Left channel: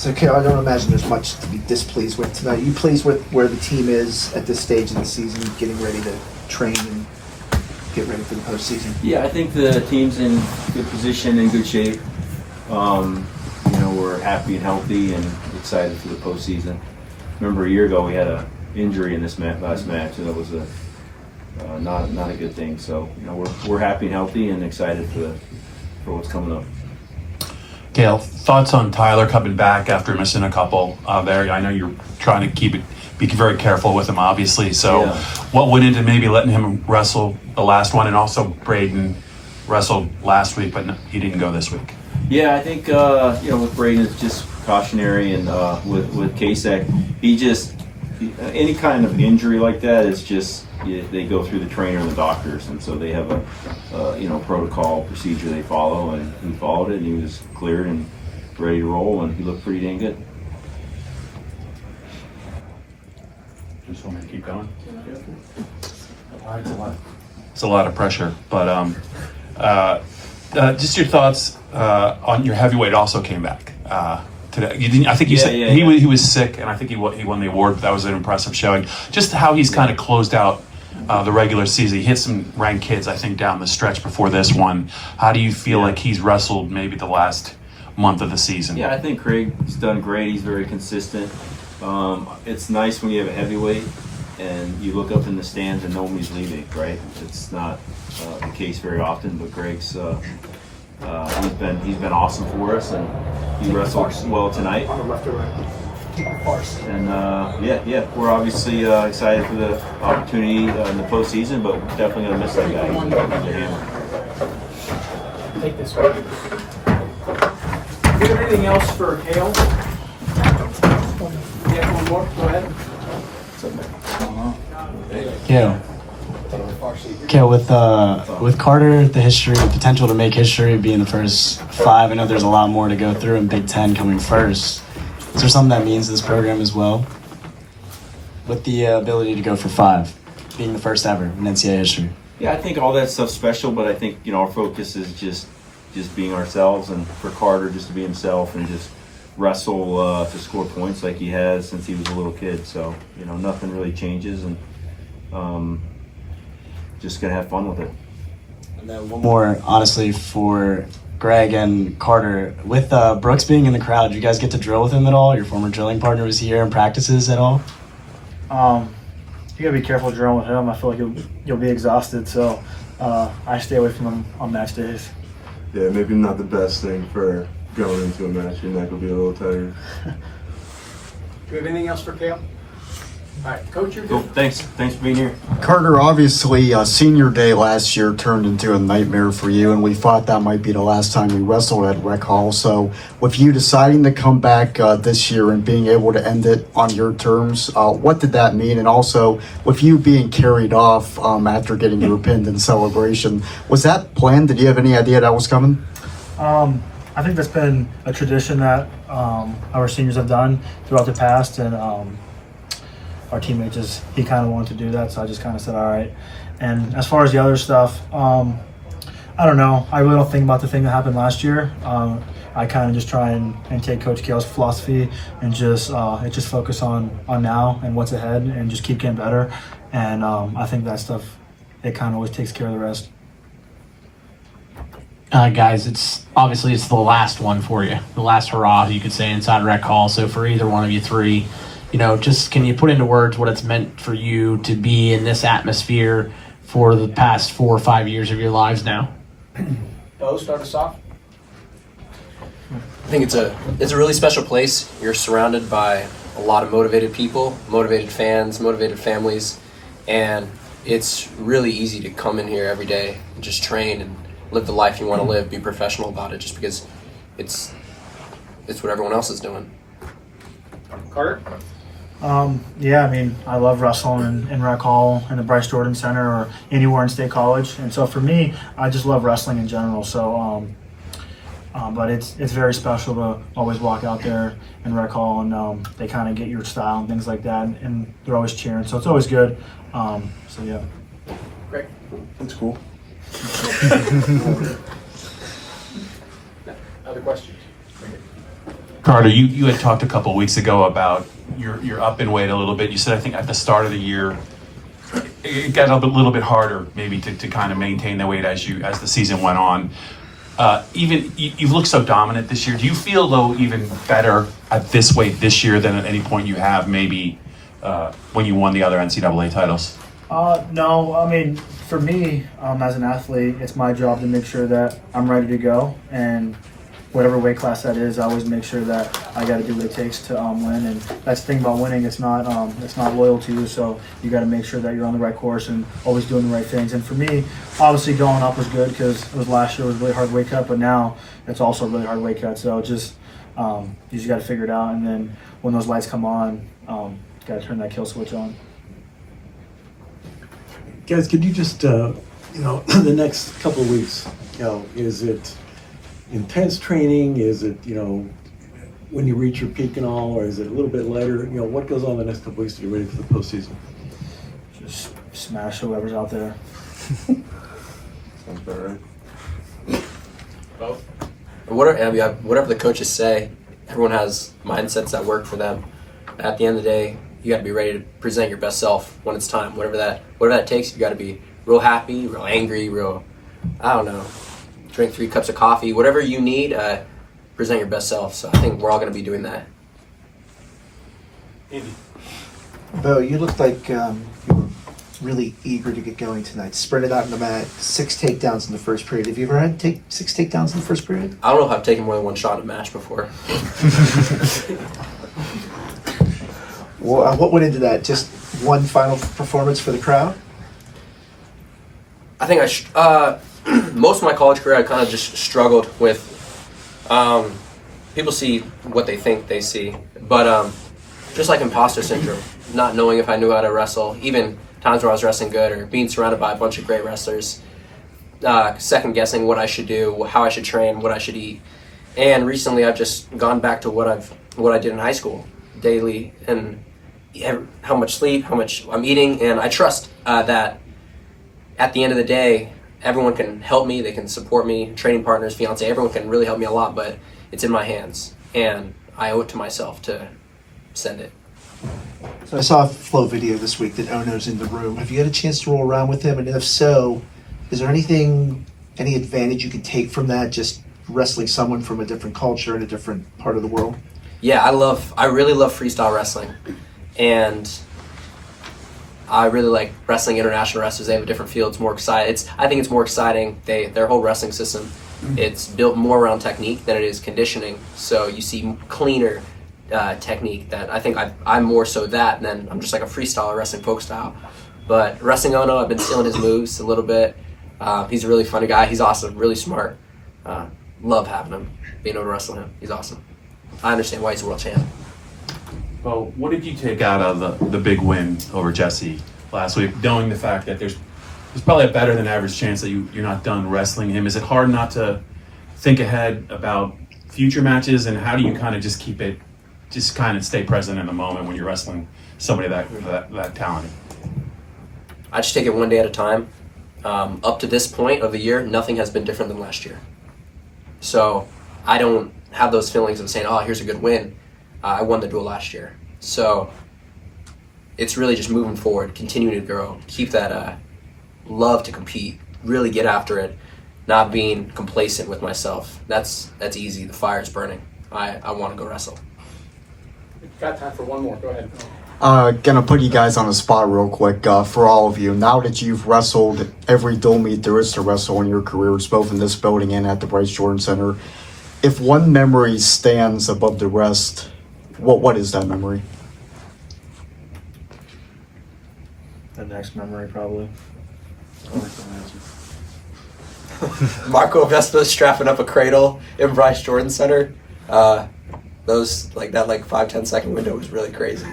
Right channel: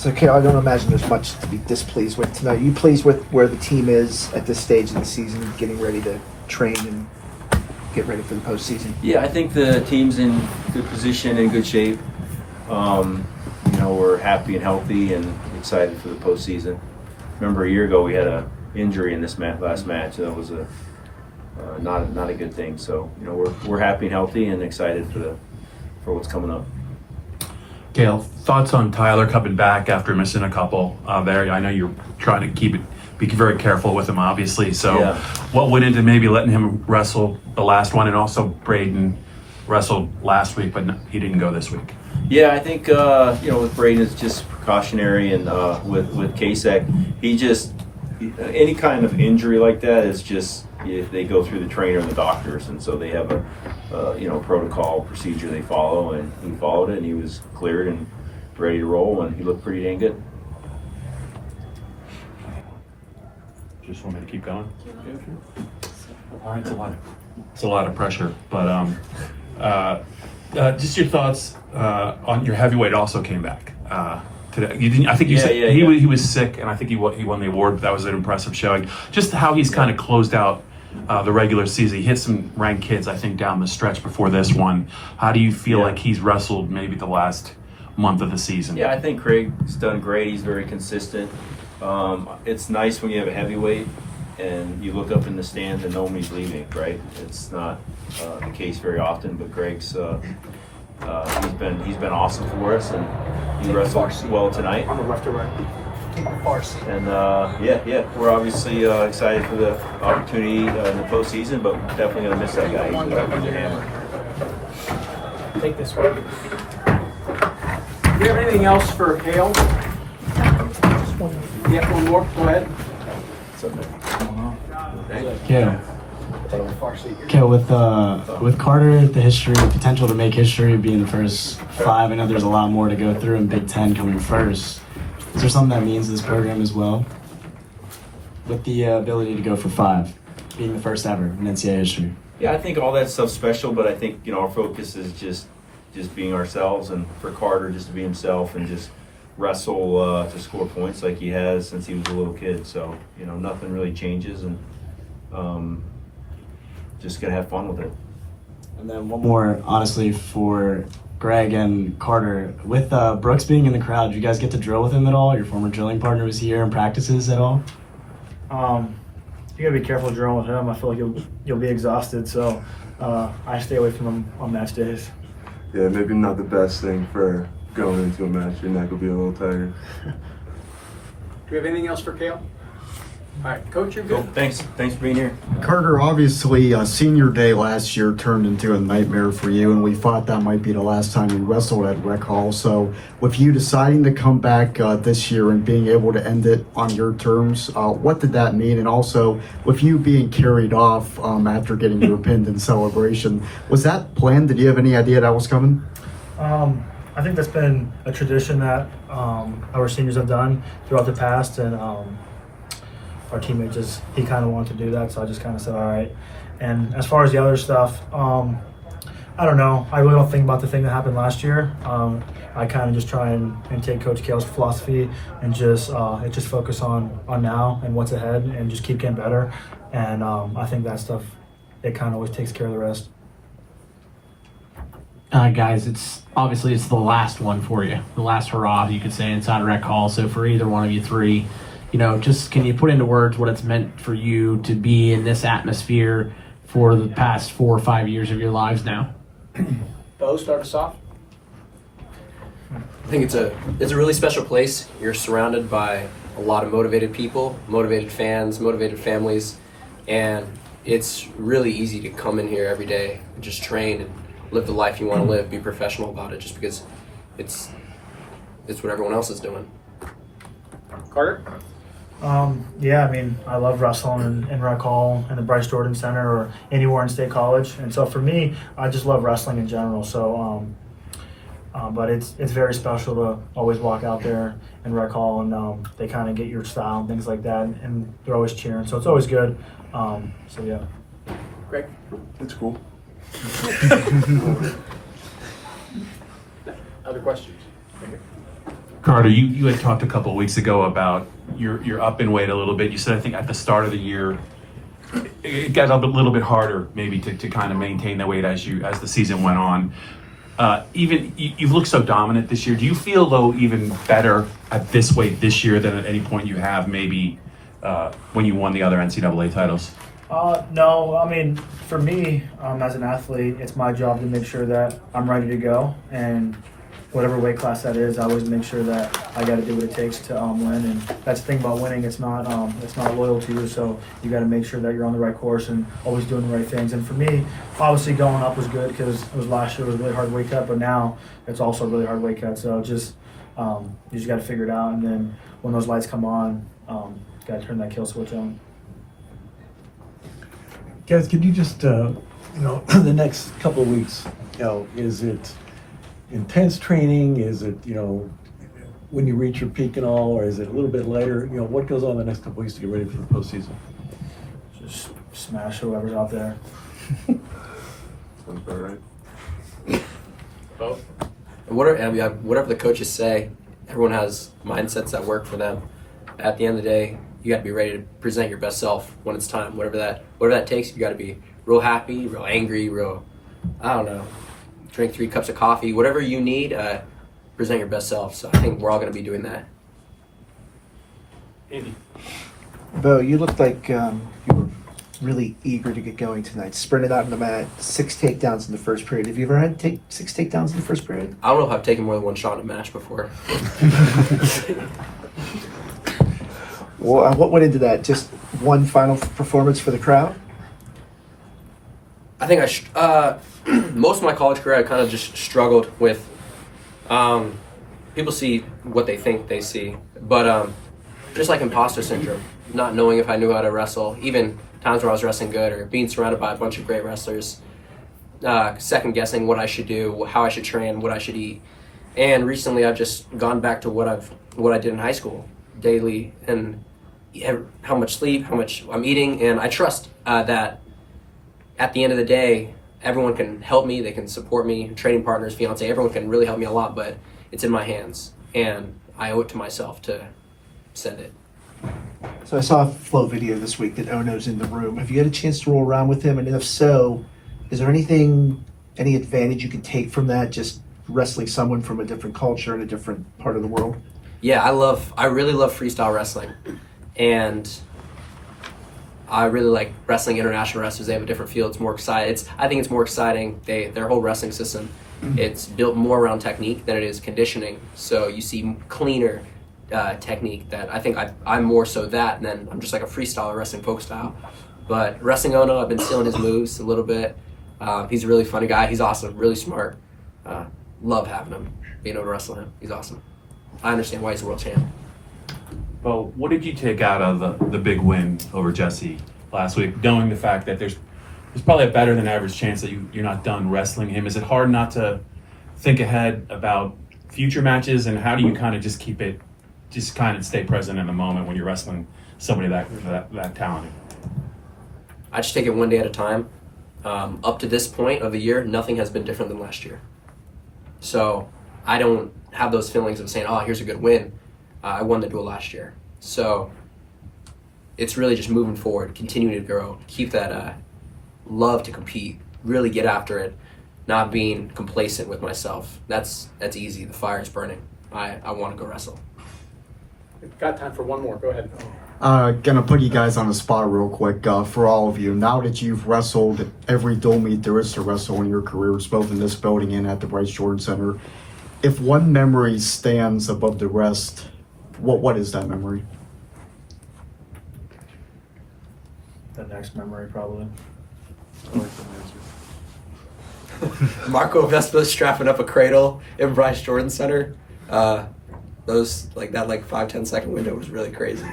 So, Cael, I don't imagine there's much to be displeased with tonight. Are you pleased with where the team is at this stage of the season, getting ready to train and get ready for the postseason? Yeah, I think the team's in good position, in good shape. We're happy and healthy and excited for the postseason. Remember, a year ago we had an injury in this last match, and it was not a good thing. So we're happy and healthy and excited for what's coming up. Cael, thoughts on Tyler coming back after missing a couple there? I know you're trying to be very careful with him, obviously. So, Yeah. What went into maybe letting him wrestle the last one, and also Braden wrestled last week, but he didn't go this week? Yeah, I think with Braden it's just precautionary, and with Kasek, he just any kind of injury like that, it's just they go through the trainer and the doctors, and so they have a protocol procedure they follow, and he followed it, and he was cleared and ready to roll, and he looked pretty dang good. Just want to keep going. All right, it's a lot of pressure, but just your thoughts on your heavyweight also came back today. You didn't, I think you said he was sick, and I think he won the award. But that was an impressive showing. Just how he's kind of closed out the regular season. He hit some ranked kids, I think, down the stretch before this one. How do you feel like he's wrestled maybe the last month of the season? Yeah, I think Craig's done great. He's very consistent. It's nice when you have a heavyweight and you look up in the stands and nobody's leaving, right? It's not the case very often, but Greg's he's been awesome for us, and he wrestled well tonight. On the left or right? And we're obviously excited for the opportunity in the postseason, but we're definitely going to miss that guy. He's a hammer. Take this one. Do you have anything else for Cael? You have one more? Go ahead. Cael, with Carter, the history, the potential to make history, being the first 5, I know there's a lot more to go through in Big Ten coming first. Is there something that means to this program as well? With the ability to go for 5, being the first ever in NCAA history. Yeah, I think all that stuff's special, but I think our focus is just being ourselves, and for Carter just to be himself and just wrestle to score points like he has since he was a little kid. So nothing really changes, and just gonna have fun with it. And then one more, honestly, for Greg and Carter, with Brooks being in the crowd, did you guys get to drill with him at all? Your former drilling partner was here in practices at all? You gotta be careful drilling with him. I feel like you'll be exhausted, so I stay away from him on match days. Yeah, maybe not the best thing for going into a match. Your neck will be a little tired. Do we have anything else for Cael? All right, Coach, you're Cool. good. Thanks for being here. Carter, obviously, senior day last year turned into a nightmare for you, and we thought that might be the last time you wrestled at Rec Hall. So with you deciding to come back this year and being able to end it on your terms, what did that mean? And also, with you being carried off after getting your pinned in celebration, was that planned? Did you have any idea that was coming? I think that's been a tradition that our seniors have done throughout the past, and our teammate he kind of wanted to do that, so I just kind of said all right. And as far as the other stuff, I don't know. I really don't think about the thing that happened last year. I kind of just try and take Coach Cael's philosophy and just focus on now and what's ahead, and just keep getting better. And I think that stuff, it kind of always takes care of the rest. Guys, it's the last one for you, the last hurrah, you could say, inside Rec Hall. So for either one of you three, just can you put into words what it's meant for you to be in this atmosphere for the past 4 or 5 years of your lives now? Beau, start us off. I think it's a really special place. You're surrounded by a lot of motivated people, motivated fans, motivated families, and it's really easy to come in here every day and just train and live the life you want to live, be professional about it, just because it's what everyone else is doing. Carter? Yeah, I mean, I love wrestling in Rec Hall, in the Bryce Jordan Center, or anywhere in State College. And so for me, I just love wrestling in general. So, but it's very special to always walk out there in Rec Hall, and they kind of get your style and things like that. And they're always cheering. So it's always good. So, yeah. Great. That's cool. Other questions? Carter, you had talked a couple weeks ago about you're up in weight a little bit. You said, I think at the start of the year, it got a little bit harder maybe to kind of maintain that weight as the season went on. Even you look so dominant this year. Do you feel though even better at this weight this year than at any point you have maybe when you won the other NCAA titles? No, I mean, for me, as an athlete, it's my job to make sure that I'm ready to go, and whatever weight class that is, I always make sure that I got to do what it takes to win. And that's the thing about winning; it's not loyal to you. So you got to make sure that you're on the right course and always doing the right things. And for me, obviously going up was good because it was last year was a really hard weight cut, but now it's also a really hard weight cut. So just you just got to figure it out, and then when those lights come on, got to turn that kill switch on. Guys, could you just, the next couple of weeks, is it intense training? Is it, when you reach your peak and all, or is it a little bit lighter? What goes on the next couple of weeks to get ready for the postseason? Just smash whoever's out there. Sounds about right. Whatever the coaches say, everyone has mindsets that work for them. At the end of the day, you got to be ready to present your best self when it's time. Whatever that takes, you got to be real happy, real angry, I don't know, drink 3 cups of coffee, whatever you need, present your best self. So I think we're all going to be doing that. Beau, you looked like you were really eager to get going tonight. Sprinted out on the mat, 6 takedowns in the first period. Have you ever had 6 takedowns in the first period? I don't know if I've taken more than one shot in a match before. Well, what went into that? Just one final performance for the crowd? I think most of my college career I kind of just struggled with. People see what they think they see, but just like imposter syndrome, not knowing if I knew how to wrestle, even times where I was wrestling good or being surrounded by a bunch of great wrestlers, second guessing what I should do, how I should train, what I should eat. And recently I've just gone back to what I did in high school daily, and how much sleep, how much I'm eating, and I trust that at the end of the day, everyone can help me, they can support me, training partners, fiance, everyone can really help me a lot, but it's in my hands, and I owe it to myself to send it. So I saw a flow video this week that Ono's in the room. Have you had a chance to roll around with him? And if so, is there any advantage you can take from that, just wrestling someone from a different culture in a different part of the world? Yeah, I really love freestyle wrestling, and I really like wrestling international wrestlers. They have a different feel. It's more exciting. I think it's more exciting. Their whole wrestling system, it's built more around technique than it is conditioning. So you see cleaner technique. That I think I'm more so that, and then I'm just like a freestyler wrestling folk style. But wrestling Ono, I've been stealing his moves a little bit. He's a really funny guy. He's awesome, really smart. Love having him, being able to wrestle him. He's awesome. I understand why he's a world champ. Well, what did you take out of the big win over Jesse last week, knowing the fact that there's probably a better than average chance that you're not done wrestling him? Is it hard not to think ahead about future matches, and how do you kind of just kind of stay present in the moment when you're wrestling somebody that talented? I just take it one day at a time. Up to this point of the year, nothing has been different than last year. So I don't have those feelings of saying, oh, here's a good win. I won the duel last year. So it's really just moving forward, continuing to grow, keep that love to compete, really get after it, not being complacent with myself. That's easy. The fire's burning. I want to go wrestle. We've got time for one more. Go ahead. Gonna put you guys on the spot real quick for all of you. Now that you've wrestled every dual meet there is to wrestle in your careers, both in this building and at the Bryce Jordan Center, if one memory stands above the rest, what is that memory? The next memory, probably. I like that answer. Marco Vespa strapping up a cradle in Bryce Jordan Center. Those like that 5-10 second window was really crazy.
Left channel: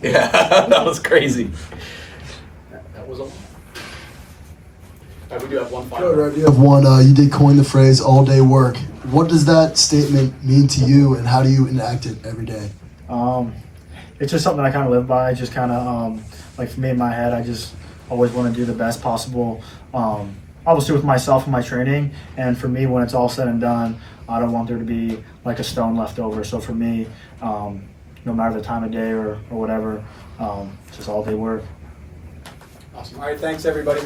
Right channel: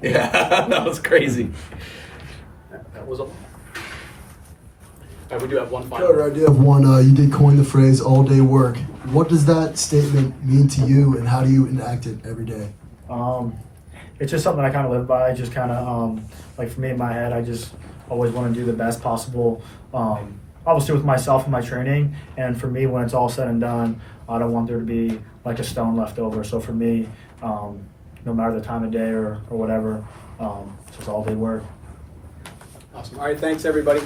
Yeah, that was crazy. That was all. We do have one final. Carter, I do have one. You did coin the phrase all day work. What does that statement mean to you, and how do you enact it every day? It's just something I kind of live by. Just kind of like for me in my head, I just always want to do the best possible. Obviously with myself and my training, and for me when it's all said and done, I don't want there to be like a stone left over. So for me, no matter the time of day or whatever, just all day work. Awesome. All right, thanks everybody.